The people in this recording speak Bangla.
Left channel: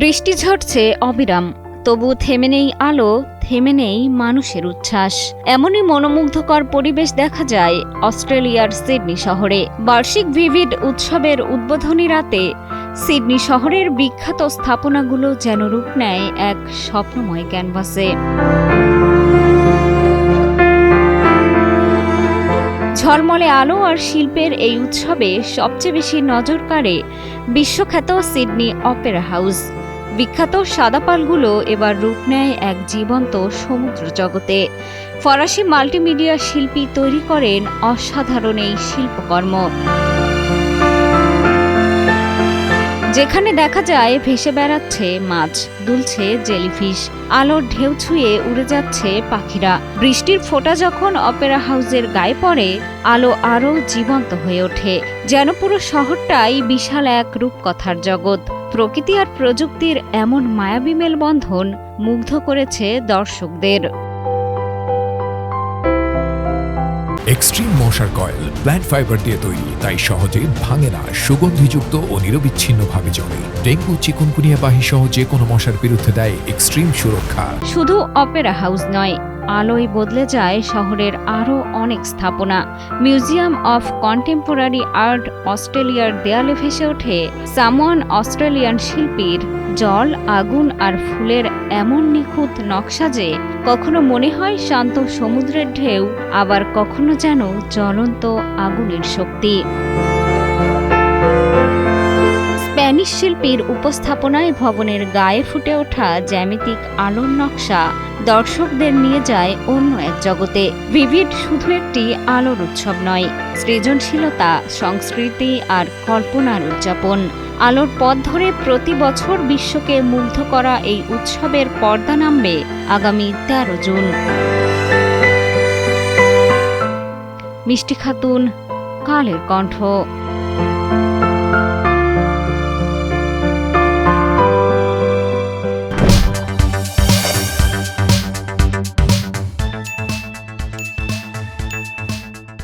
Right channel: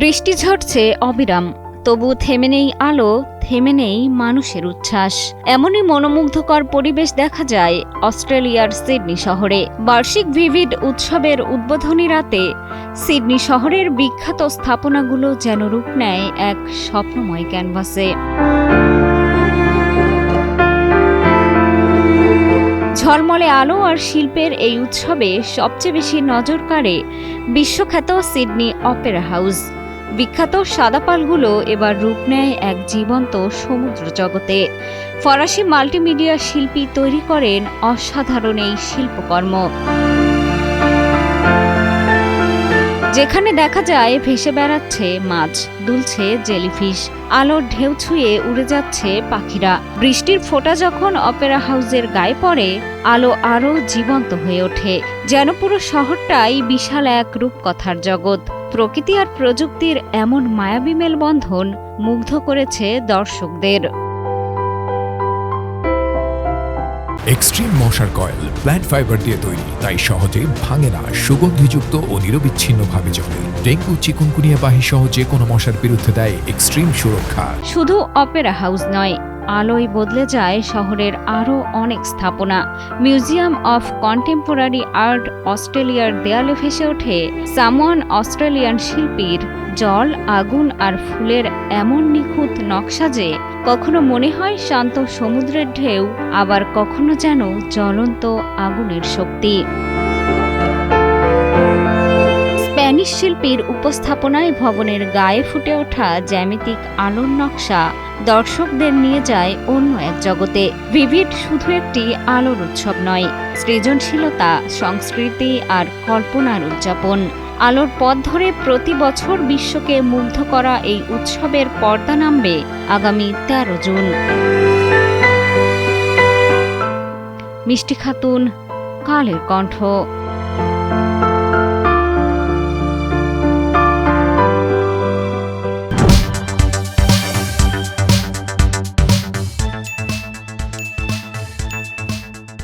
বৃষ্টি ঝরছে অবিরাম, তবু থেমে নেই আলো, থেমে নেই মানুষের উচ্ছ্বাস। এমনই মনোমুগ্ধকর পরিবেশ দেখা যায় অস্ট্রেলিয়ার সিডনি শহরে। বার্ষিক ভিভিড উৎসবের উদ্বোধনী রাতে সিডনি শহরের বিখ্যাত স্থাপনাগুলো যেন রূপ নেয় এক স্বপ্নময় ক্যানভাসে। ঝলমলে আলো আর শিল্পের এই উৎসবে সবচেয়ে বেশি নজর কাড়ে বিশ্বখ্যাত সিডনি অপেরা হাউস। বিখ্যাত সাদাপালগুলো এবার রূপ নেয় এক জীবন্ত সমুদ্র জগতে। ফরাসি মাল্টিমিডিয়া শিল্পী তৈরি করেন অসাধারণ এই শিল্পকর্ম, যেখানে দেখা যায় ভেসে বেড়াচ্ছে মাছ, দুলছে জেলিফিশ, আলোর ঢেউ ছুঁয়ে উড়ে যাচ্ছে পাখিরা। বৃষ্টির ফোঁটা যখন অপেরা হাউসের গায়ে পড়ে, আলো আরও জীবন্ত হয়ে ওঠে, যেন পুরো শহরটাই বিশাল এক রূপকথার জগৎ। প্রকৃতি আর প্রযুক্তির এমন মায়াবী মেলবন্ধন মুগ্ধ করেছে দর্শকদের। এক্সট্রিম মশার কয়েল প্ল্যান্ট ফাইবার দিয়ে তৈরি, তাই সহজে ভাঙে না, সুগন্ধিযুক্ত ও নিরবিচ্ছিন্নভাবে জ্বলে। ডেঙ্গু, চিকুনগুনিয়া বাহি সহ যে কোনো মশার বিরুদ্ধে দেয় এক্সট্রিম সুরক্ষা। শুধু অপেরা হাউস নয়, আলোয় বদলে যায় শহরের আরও অনেক স্থাপনা। মিউজিয়াম অফ কন্টেম্পোরারি আর্ট অস্ট্রেলিয়ার দেয়ালে ভেসে ওঠে সামোয়ান অস্ট্রেলিয়ান শিল্পীর জল, আগুন আর ফুলের এমন নিখুঁত নকশা যে কখনো মনে হয় শান্ত সমুদ্রের ঢেউ, আবার কখনো যেন জ্বলন্ত আগুনের শক্তি। স্প্যানিশ শিল্পীর উপস্থাপনায় ভবনের গায়ে ফুটে ওঠা জ্যামিতিক আলোর নকশা দর্শকদের নিয়ে যায় অন্য এক জগতে। ভিভিড শুধু একটি আলোর উৎসব নয়, সৃজনশীলতা, সংস্কৃতি আর কল্পনার উদযাপন। আলোর পথ ধরে প্রতি বছর বিশ্বকে মুগ্ধ করা এই উৎসবের পর্দা নামবে আগামী 13 জুন। মিষ্টি খাতুন, কালের কণ্ঠ।